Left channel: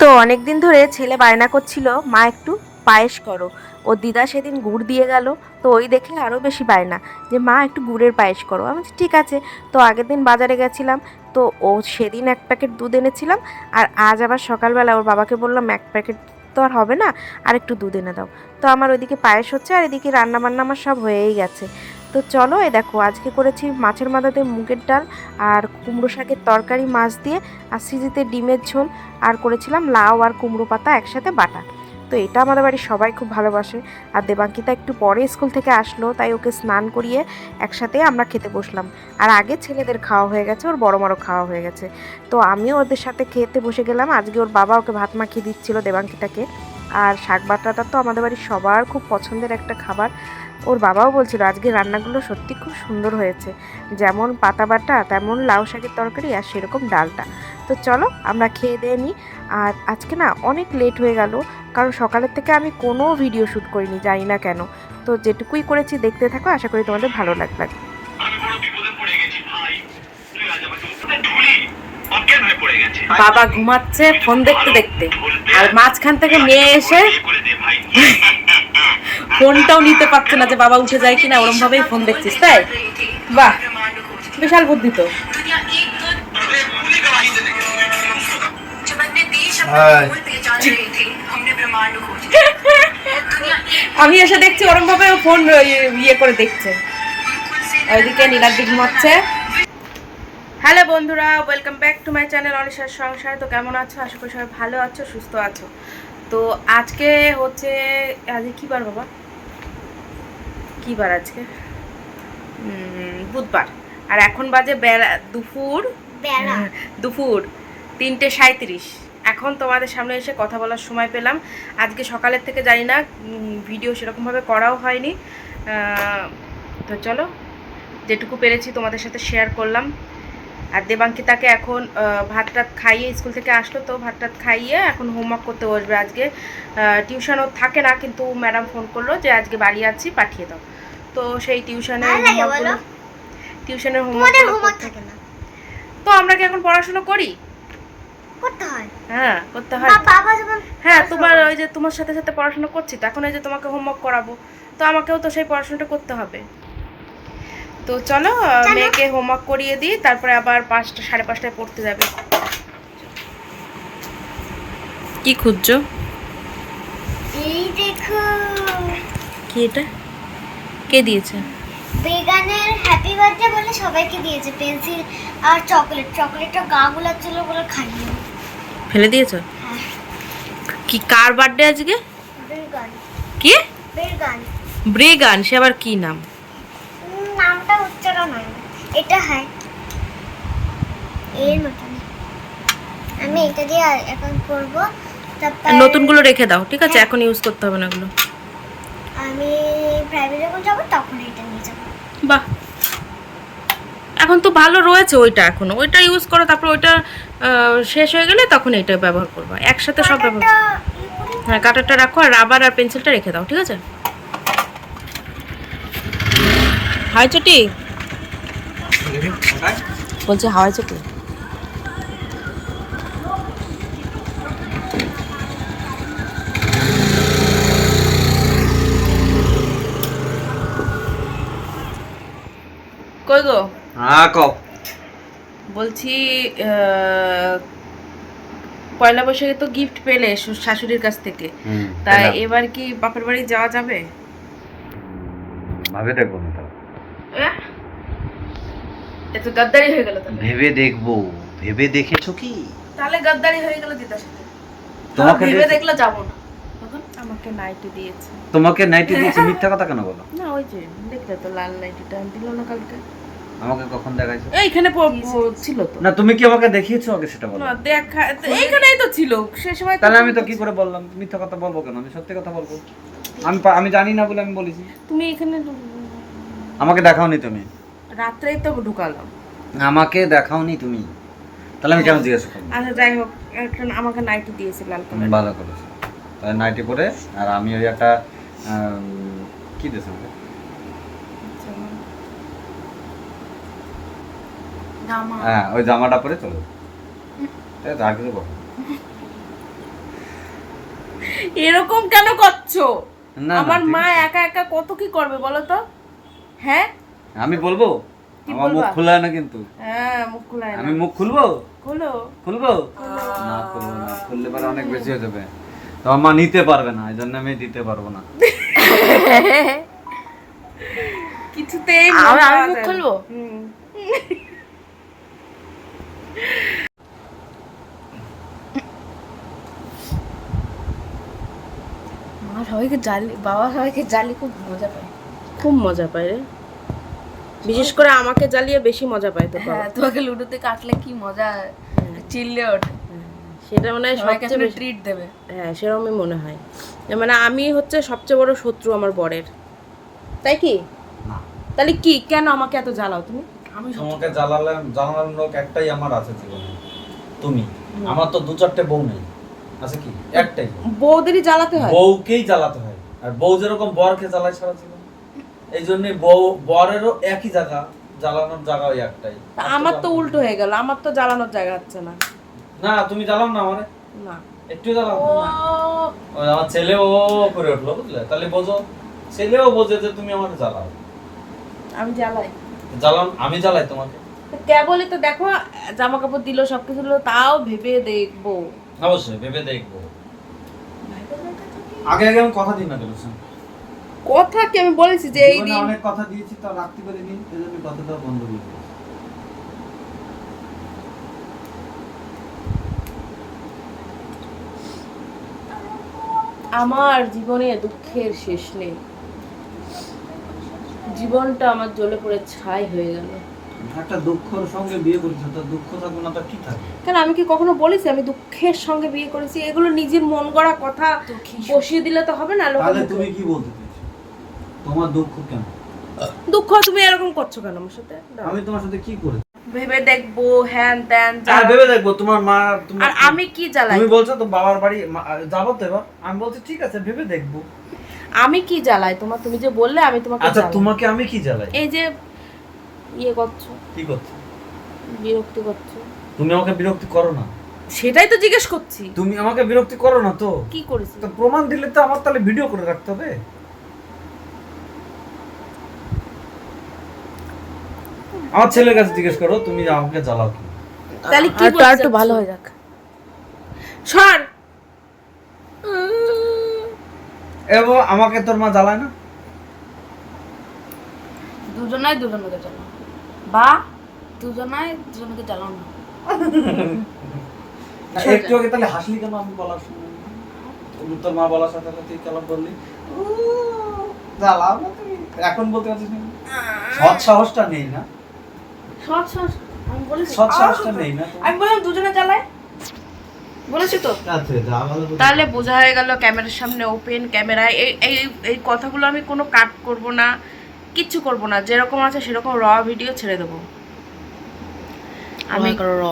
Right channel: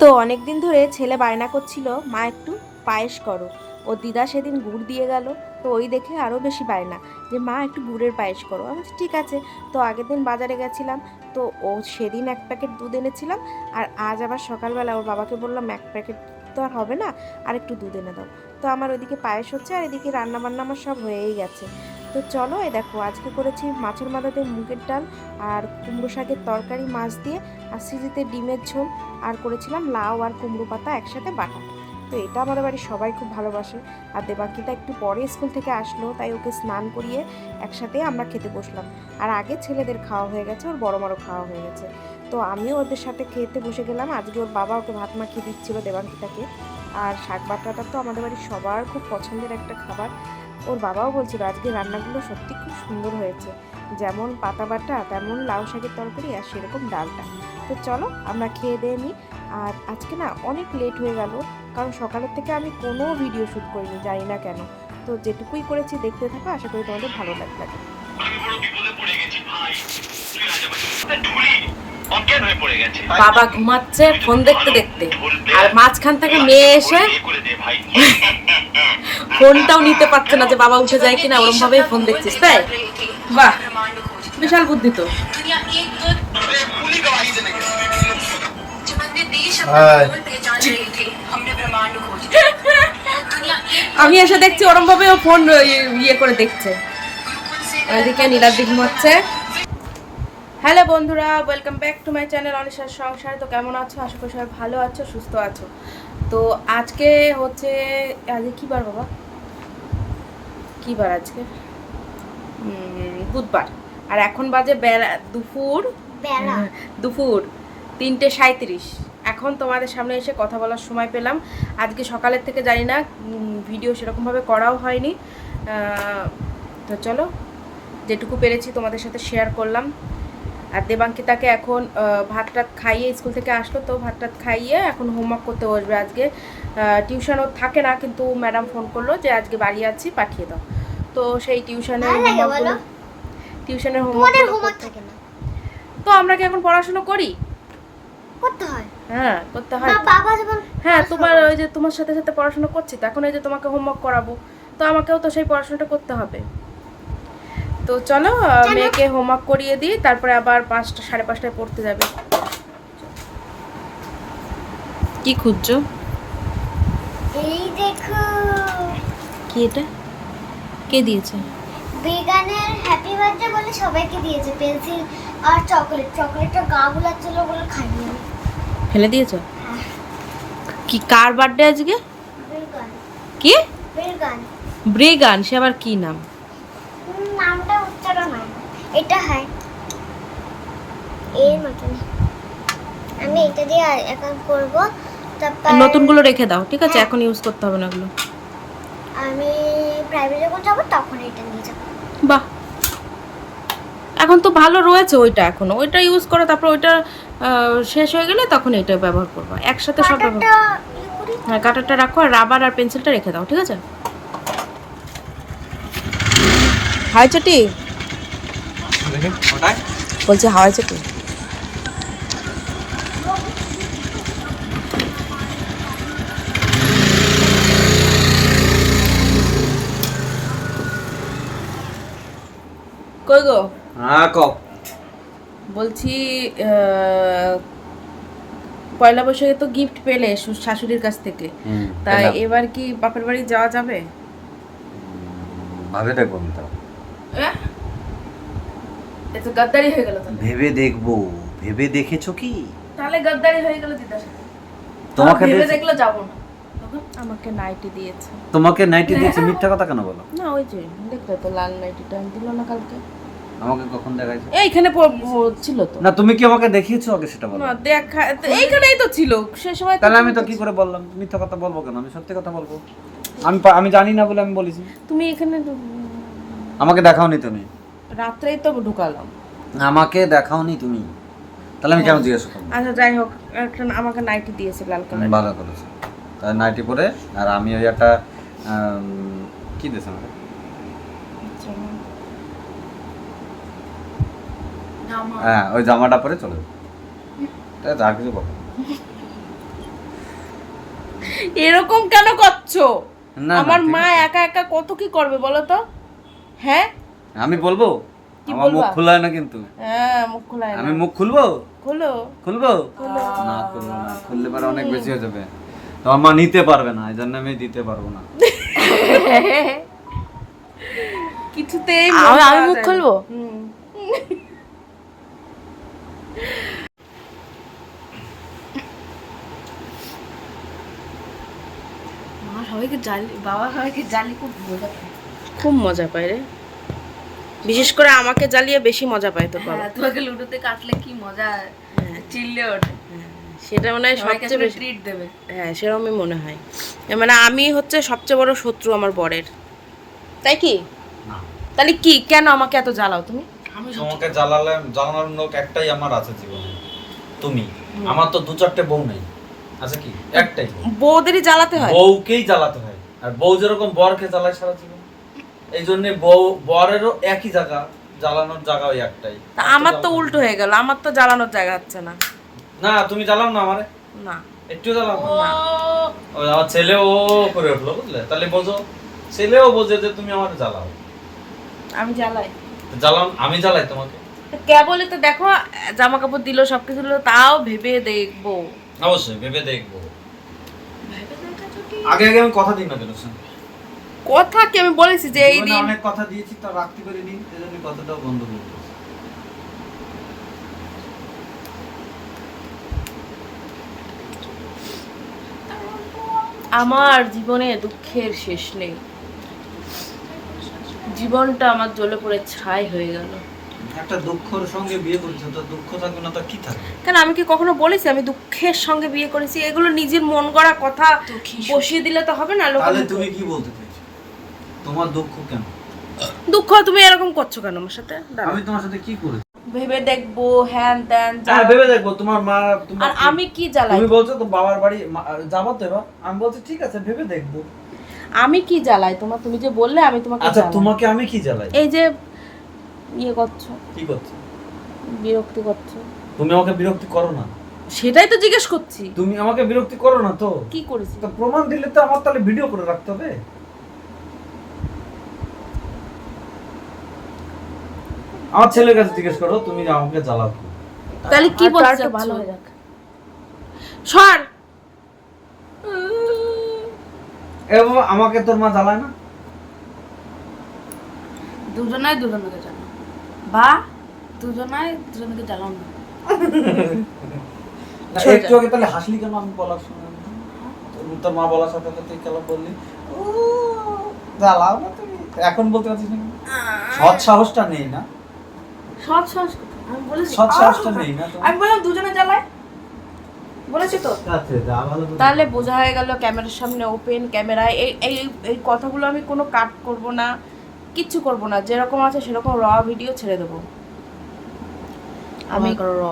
তো অনেক দিন ধরে ছেলে বায়না করছিল, মা, একটু পায়েস করো। ও দিদা সেদিন গুড় দিয়ে গেল, তো ওই দেখে আরও বেশি বায়না, যে, মা, একটু গুড়ের পায়েস করো। আমি ঠিক আছে। তো আগের দিন বাজারে গেছিলাম, তো ও সেদিন এক প্যাকেট দুধ এনেছিলাম, আর আজ আবার সকালবেলা ওর বাবাকে বললাম, এক প্যাকেট তো আর হবে না, আর একটু দুধ এনে দাও। তো আমার ওইদিকে পায়েস হচ্ছে, আর এদিকে রান্না বান্না আমার সব হয়েই গেছে। তো চলো এই দেখো, আজকে করেছি মাছের মাথাতে মুগের ডাল আর কুমড়ো শাকের তরকারি, মাছ দিয়ে আর সিজিতে ডিমের ঝোল। আর করেছিলাম লাউ আর কুমড়ো পাতা একসাথে বাটা। তো এটা আমাদের বাড়ির সবাই খুব ভালোবাসে। আর দেবাঙ্কিতা একটু পরে স্কুল থেকে আসলো, তাই ওকে স্নান করিয়ে একসাথে আমরা খেতে বসলাম। আর আগে ছেলেদের খাওয়া হয়ে গেছে, ওর বড় বড় খাওয়া হয়ে গেছে। তো আমিও ওদের সাথে খেতে বসে গেলাম। আজকে ওর বাবা ওকে ভাত মাখিয়ে দিচ্ছিল দেবাঙ্কিতাকে। আর শাক বাটাটা তো আমাদের বাড়ির সবার খুব পছন্দের একটা খাবার। ওর বাবাও বলছিল আজকে রান্নাগুলো সত্যি খুব সুন্দর হয়েছে। যেমন পাতা বাটা তেমন লাউ শাকের তরকারি আর সেরকম ডালটা। তো চলো আমরা খেয়ে দিয়ে নিই। আর আজকে না অনেক লেট হয়ে গেল কারণ সকালের থেকে আমি কোনো ভিডিও শ্যুট করিনি জানি না কেন। তো যেটুকুই করেছি দেখতে থাকো আশা করি তোমাদের ভালো লাগবে। হয়ে বাবা ঘুমাচ্ছে ফোন দেখতে দেখতে। আর মাঝখান থেকে মেয়ে এসে ফোনটাও নিতে পারছে না যে বাবা উঠে যায় কিনা ওরম ভাবেই ফোন দেখছিস তাই? বাহ বিশাল বুদ্ধি তো। আমি এসে দেখছি ওরম ভাবে ফোন ইয়ে, ইয়ে করে দেখছে। ওইদিকে নীলাদ্রি ঘুমাচ্ছে। হ্যালো বন্ধুরা welcome back to my channel অনিশার সংসার। তো কেমন আছো? আশা করি সবাই ভালো আছো সুস্থ আছো। তো আজকে হচ্ছে আজকে কী বার বাবা? কী বার আজকে বুধবার। আর এখন বাজে বেলা দুপুর? দুপুর তিনটে সাঁত্রিশ এখন তোমাদের সামনে এসে কথা বলার সময় পেলাম। আজকে সকালের থেকে জানি না ভিডিও সেরকমভাবে করাও হয়নি। তো চলো যেটুকু পেরেছি তোমাদের সাথে শেয়ার করলাম। আর দেবাঙ্কিতাকে এখন ভাত টাত খাইয়ে স্কুল থেকে আসলো তো ভাত টাত খাইয়ে এখন হোমওয়ার্ক করতে বসবে আজকে। টিউশনও থাকে না কিন্তু ম্যাডাম ফোন করল যে আজকে বাড়ি আছি পাঠিয়ে দাও। তো সেই টিউশনের হোমওয়ার্কগুলো টিউশনের হোমওয়ার্ক থাকে না। তো আমরা কি এখন পড়াশোনা করি? করতে হয়। হ্যাঁ করতে হয়। হ্যাঁ তোমার ওই যে তোমার সাথে সাথে পড়াশোনা করছি তো এখন এই যে তোমাকে হোমওয়ার্ক করাবো। তো আমাকেও তো সেই পড়াশোনাটা করতে হবে। তো চলো চলো। মেয়েকে হোমওয়ার্ক করিয়ে দিই তারপরে আবার পাঁচটা সাড়ে পাঁচটায় পড়তে যাবে। কি খুঁজছো? এই দেখো। কি এটা? কে দিয়েছে? বেগানের হ্যাপি বার্থডে বলে সবাইকে দিয়েছে পেন্সিল আর চকলেট চকলেটটা গা গুলাচ্ছিল বলে আমি। ফেলে দিয়েছ? হ্যাঁ। কি কার বার্থডে আজকে? বেগান কি? বেগান ব্রেগান সে আবার কি নাম? নামটা উচ্চারণ হয় না। এটা হয়। এই নতুন আমি এটা দিয়ে এখন করব। নতুনগুলো রেখে দাও ঠিক আছে? হ্যাঁ। এখন ইউজ করতে হবে না ওগুলো। আমি প্রাইভেট যখন যাব তখন এটা নিয়ে যাব। বাহ। এখন তো ভালো রয়েছে ওইটা এখন। ওইটা ইউজ করো তারপর ওইটা শেষ হয়ে গেলে তখন এটা ব্যবহার করবা। একসাথে সব ব্যবহার হ্যাঁ কাটারটা রাখো আর রাবার আর পেন্সিলটা রেখে দাও ঠিক আছে? হাওয়াই চটি? বলছি হাওয়াই চটি। কই গো? হ্যাঁ কও বলছি পয়লা বৈশাখে তো গিফট পেলে শাশুড়ির কাছ থেকে। তাই এবার কি বাপের বাড়ি যাওয়া যাবে? ভাবে দেখব আমি তাও এ গাদ্দারি হয়ে গেল ভেবে দেখব ভেবে দেখেছ কি? তাহলে গাদ্দারি হয়ে গেল দিদার সাথে তোমাকে ভেবে দেখে- দেখলে যাব। না আমাকে নাইটি দিয়েছে। তোমাকে নাইটি দিয়েছে? মিথ্যা কথা কেন বলো? না ওই যে দেখলে তো লাল নাইটিটা দিল না কালকে। আমাকে কখন দেখাইছো? এইখানে ছিল তো। না তুমি কি আমাকে দেখিয়েছো আগে সেটা বলো? না দেখা এইখানেই তো ছিল সে সময় তাহলে আমি তো কি করে বললাম? মিথ্যা কথা বলব কেন? আমি সত্যি কথা বলব? আমি আমি জানি না বলে আমি বলেছি। তুমি এখানে আমাকে দেখাওনি তুমি? রাত্রেই তো ঢুকালাম। আমাকে দেখাওনি তুমি? তাহলে আমি কেন জিজ্ঞাসা করব আচ্ছা যাই হোক একটা আমাকে নাইটি দিয়েছে লাল কালার ভালো করেছ। নাইটি পরে আর আমি ওই একটা কি দিয়েছে আমাকে? হ্যাঁ ওই জামাটা পরে চলে যাব। আর কিছু বলো এরকম কেন করছ? আমার মা একা একা কত কি করবে বলো তো? হ্যাঁ? আমি বলব? আমার মুখ? খোলা না কিন্তু। হ্যাঁ মুখ খোলা আমি মুখ খুলবো? খোলো। খুলবো? না খুলবো না। খুললে পরে অনেক বেশি হয়ে যাবে। তোমার মা নিতে পারবে না এই জন্য আমি দিতে পারব না। কিছুতেই আমি- আমি মুখ খুলবো? মা সবাইকে জালি বাবা সবাইকে জালি খুব মজা পায়। খুব মজা পায় রে। বিশেষ করে আমাকে জ্বালিয়ে বেশি মজা পায় তোর বাবা। হ্যাঁ, তোমাকে লুডোতে কাটলে কি মজা চিল্লে ওঠে। সেটা মনে হয় সবচেয়ে বেশি ট্রিট দেবে। হ্যাঁ সেরকমই মনে হয়। মানে আমি হচ্ছে সবচেয়ে বড় শত্রু আমার বরের। তাই কি? তাহলে কি? কেন আমাকে এত জ্বালাও তুমি? তোমাকে জ্বালালে জ্বালানোর লোক একটাই আমার আছে জীবনে। তুমি। আমার তো দু চারটে বউ নেই। আছে কি? একটাই বউদেরই জ্বালাতে হয়? বউকেই জ্বালাতে হয়। আর বউ যেরকম বরকে জ্বালায় সারা জীবন এই জন্য বউ বরেরও একই জায়গা জ্বালানোর জায়গা ওই একটাই। তা আমার তো উল্টো হয়ে গেল। আমার তো জ্বালানোর জায়গা হচ্ছে না। না তুমি জ্বালাও না আমারে। না। একটু জ্বালাও। না ওই আমার ছেলে ও করে উঠল বুঝলে? তাহলে বোঝো ছেলেও বোঝে যে তুমি আমার জ্বালাও। আমি জ্বালাই। জ্বালান আমি জ্বালাই তোমাকে। কেবলই তো দেখো জামা কাপড় দিল সবকিছু দিল তাও ভেবে দেখব। অবশ্যই ভেবে দেখব। আগে আগে আমি কথা দিই না কেন কথা কি? আমি বলেছি যে এই দিন অনেক কথা দিয়েছি তা রাখতে পারিনি এই জন্য কথাটা বন্ধ করে আমার জীবনে দুঃখের শেষ নেই। জীবনটা আমার জ্বলে পড়ে ছাই হয়ে গেল। একটা দুঃখর সঙ্গে বিয়ে করেছ তো দুঃখ থাকবে না তো কি থাকবে? কেন আমি কি কখনো বলেছি আমি দুঃখের সঙ্গে বিয়ে করেছি? এগুলো নিজের মন গড়া কথা বসিয়ে দিলে তো হবে না তাহলে তুমি কি বলতে চাইছো? তোমার দুঃখ কেন? দুঃখ তুমি এরকম করছ কেন আমার সাথে? আমি তোমার সাথে কি করেছি? ভেবে দেখব হ্যান ত্যান আর ভেবে দেখব তোমার মা আর আমি কি জ্বালাই? তুমি বলছো তো বাবার বাড়ি যাব তো এবার। আমি বলছি ঠিক আছে ভেবে দেখব। আমি কি জ্বালাই? তোমার তুমি যে বললে আমি তোমাকে আচ্ছা তোমাকে আমি কি জ্বালাই? এই যে ইয়ে করছ। কি করছ? বিরক্তি করছ। তুমি আমাকে বিরক্তি করো না। সেটাই তো জিজ্ঞেস করছি। তুমি আমাকে বিরক্তি করো না তো। কি করেছি? তো প্রমাণ দিলে তো আমার তাহলে ভিডিও করে রাখতে হবে। আমার ছেলের কাছে জিজ্ঞেস করো তুমি আমাকে জ্বালাও কি? তাহলে কি বলতে একটু ভালো হয়ে যাক। সর! এবং আমাকে তোর মা জ্বালায় না? দুজনাই দুজনকে জ্বালাও। বা দুজনাই দুজনকে জ্বালাও না। একটু আগে তাহলে হাসলি কেন আমি বলার সময়? তুমি তোর মা বলার সাথে সাথে কেন বললি? জ্বালাও না তুমি। এখন বলতে পারছিস না সৎ সাহসটা নেই না? সৎ সৎ আমি বলেছি। সৎ সাহসটা নেই না আমি বললাম দুজনে জ্বালায়। বলেছি তো। আচ্ছা। তাহলে বোঝা হয়ে গেল ক্যামেরার সামনে ওপেন ক্যামেরায় এই এই এই কথাগুলো আমি কোনো কাট করব না কিচ্ছু করব না। যেরকম আছে সেরকম র ভিডিও ছেড়ে দেবো। আমি র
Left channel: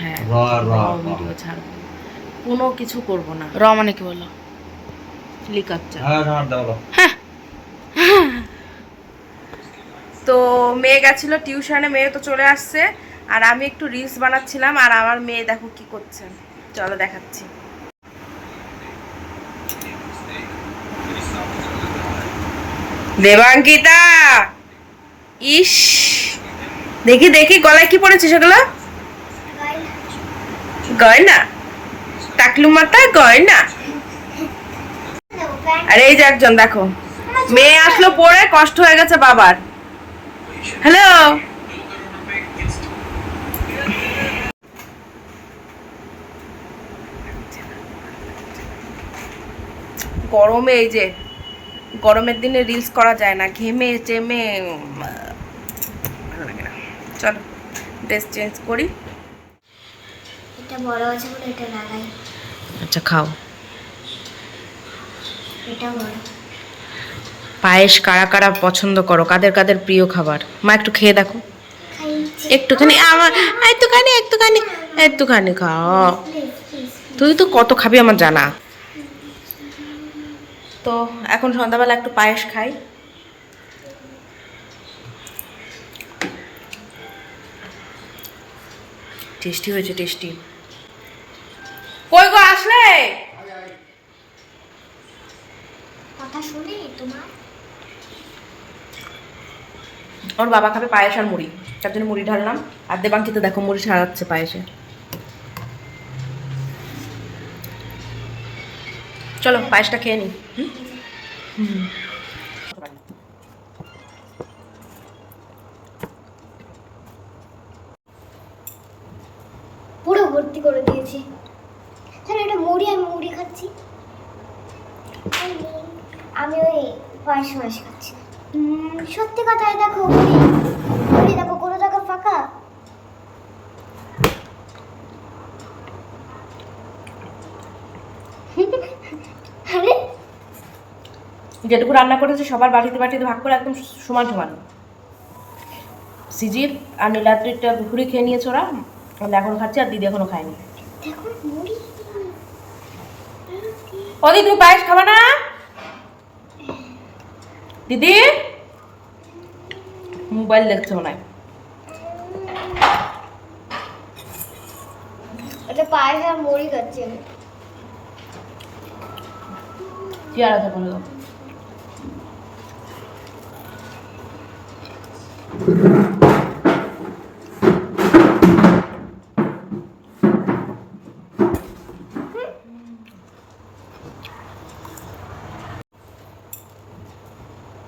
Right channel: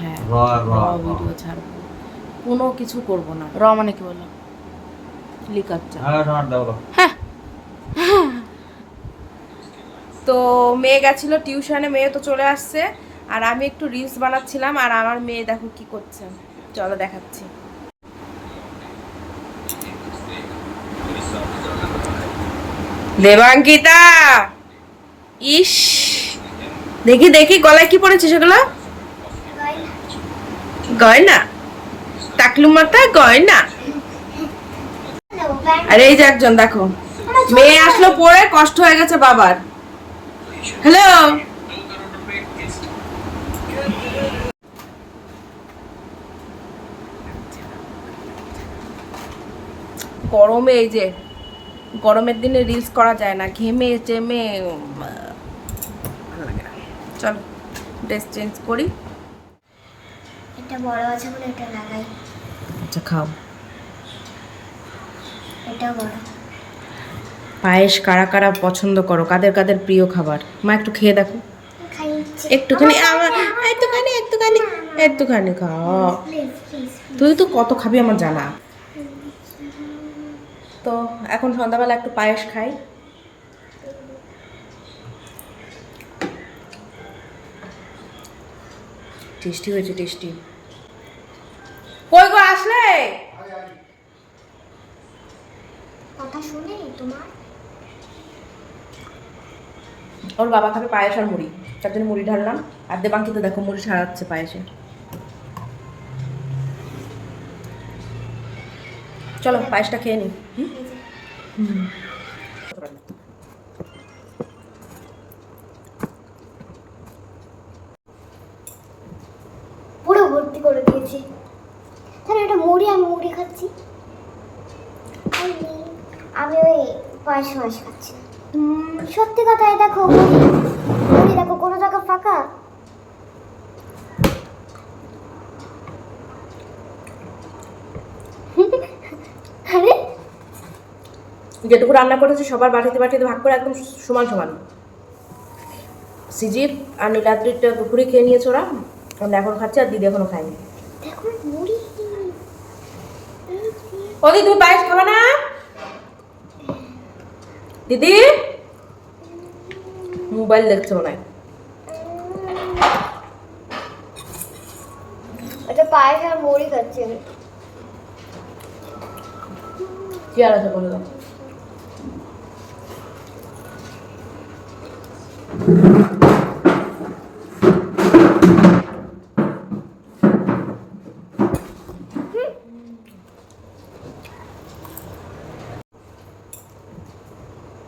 হ্যাঁ র। ভিডিও ছাড়বো। কোনো কিছু করব না। র মানে কি বলো? লিকাচ্চা হ্যাঁ, র। তো মেয়ে গেছিল টিউশনে, মেয়ে তো চলে আসছে। আর আমি একটু রিলস বানাচ্ছিলাম আর আমার মেয়ে দেখো কি করছে। চলো দেখাচ্ছি। দেবাঙ্কিতা! ইস! দেখি দেখি, গলায় কি পড়েছে সেগুলো? গয়না। টাকলু মাথায় গয়না। আর এই যে একজন, দেখো। মেয়ে আসলো পরে কষ্ট হয়ে গেছে বাবার। হ্যালো গরমে এই যে গরমের দিনে রিলস করা যায় না ঘেমে চেমে ভালো লাগে না। চলো ড্রেস চেঞ্জ করি। এটা বড় আছে বলে এটা লাগাই। আচ্ছা খাও। এটা বড়। পায়েস কারা কারা পছন্দ করো? কাদের কাদের প্রিয় খাবার? মা একটু খেয়ে দেখো। একটুখানি আমার একটুখানি একটুখানি একটুখানি খাও। তুই তো কত খাবি আমার জানা। তো এখন সন্ধ্যাবেলা একটু পায়েস খাই। টেস্টি হয়েছে টেস্টি। কই গো আসলে? কথা শুনে তোমার? ওর বাবা খাবে পায়েস আর মুড়ি। তার জন্য মুড়ি ঢাললাম। আর দেবাঙ্কিতে দেখো মুড়ি সারাচ্ছে পায়েসে। চলো, পায়েসটা খেয়ে নি। হুম? পুরো ভর্তি করে দিয়েছি। তাহলে এটা মুড়ি আমি মুড়ি খাচ্ছি। আমি- ওই পায়েস মাস খাচ্ছি। সত্যি কথাই দেখো দেখো কোনো জায়গা ফাঁকা? আরে যেটুকু রান্না করেছি সবার বাটিতে বাটিতে ভাগ করে একদম সমান সমান। সিজির আর নীলাদ্রিটা দুপুরে খেয়ে নিয়েছে ওরা। আমরা এখন খাচ্ছি আর দিদি এখনও খায়নি। দেখো মুড়ি। ও দিদি তুমি পায়েস খাবে না? দিদি মোবাইল দেখছে মনে হয় এটা পায়েস আর মুড়ি খাচ্ছি আমি চেয়ার আছে বলে দাও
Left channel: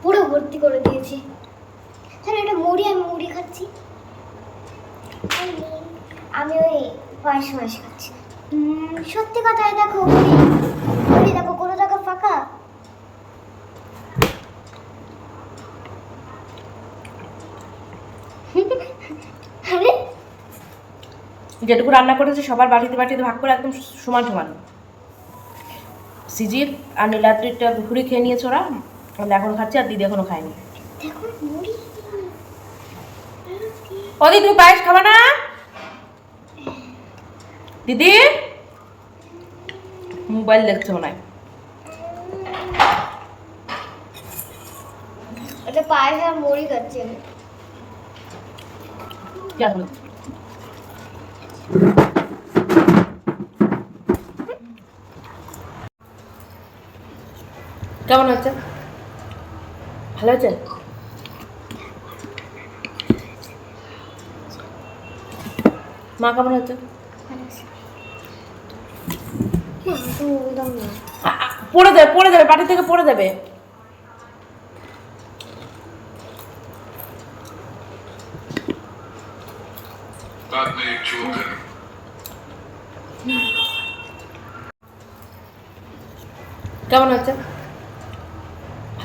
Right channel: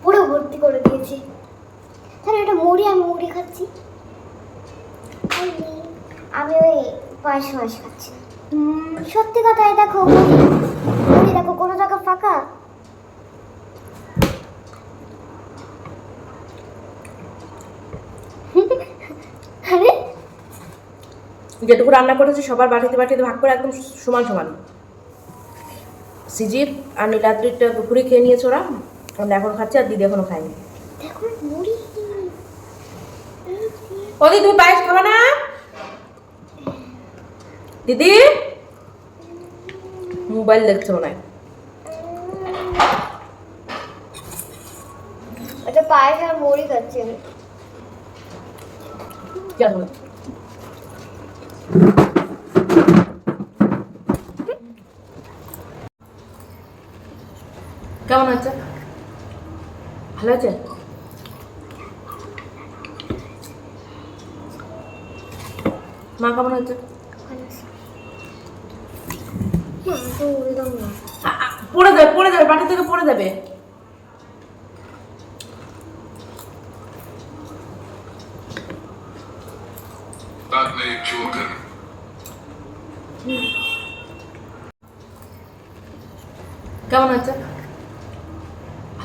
পুরো ভর্তি করে দিয়েছি তাহলে এটা মুড়ি আমি মুড়ি খাচ্ছি আমি- আমি ওই পায়েস মাস খাচ্ছি না। হুম, সত্যি কথাই দেখো মুড়ি মুড়ি দেখো কোনো জায়গা ফাঁকা আরে যেটুকু রান্না করেছি সবার বাটিতে বাটিতে ভাগ করে একদম সমান সমান। সিজির আর নীলাদ্রিটা দুপুরে খেয়ে নিয়েছে ওরা। আমরা এখন খাচ্ছি আর দিদি এখনও খায়নি। দেখো ও দিদি তুমি পায়েস খাবে না? দিদি? মোবাইল দেখছে মনে হয়। এটা পায়েস আর মুড়ি খাচ্ছি আমি। কেমন হয়েছে? ভালো আছে মা কেমন আ- পড়ে যাবে পড়ে যাবে পাটি থেকে পড়ে যাবে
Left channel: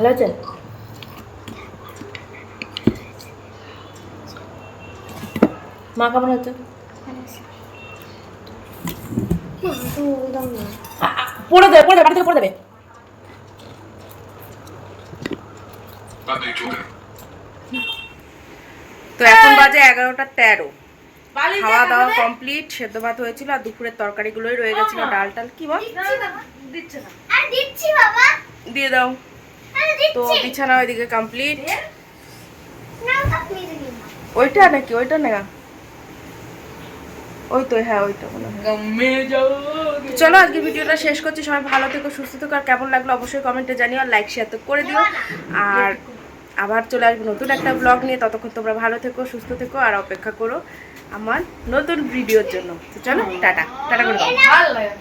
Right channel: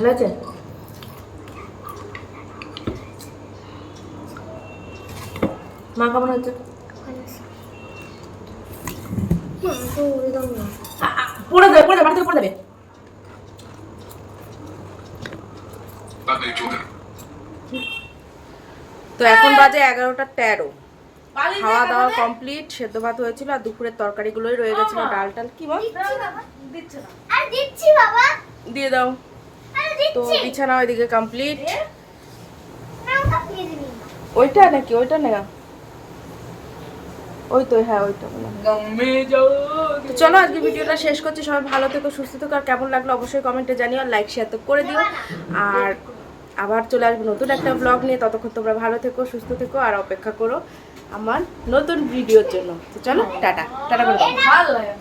ভালো মা কেমন আছে? পড়ে দেবে পড়ে দেবে বাড়ি পড়ে দেবে। তো এখন বাজে এগারোটা তেরো। খাওয়া দাওয়া কমপ্লিট সেদ্ধ ভাত হয়েছিল আর দুপুরের তরকারিগুলোই রয়ে গেছিল ডাল টাল কি বল? দিয়ে দাও। তো বিছানা ওইদিকে কমপ্লিট ওইটা নাকি? ওইটা না? ওই তো হ্যাঁ ওইটা মনে হয়। তো চলো আজকে ভিডিওটা শেষ করছি। সবাই ভালো থেকো সুস্থ থেকো। আর কেমন লাগল অবশ্যই কমেন্টে জানিও আর লাইক শেয়ার তো করে দিও। আর আবার চলে আসব নতুন একটা ব্লগ নিয়ে। ততক্ষণ তোমরা ভালো থেকো সুস্থ থেকো আর অপেক্ষা করো আমার নতুন ভিডিওর জন্য। তো চলো টাটা। টাটা করে দাও। ভালো লাগে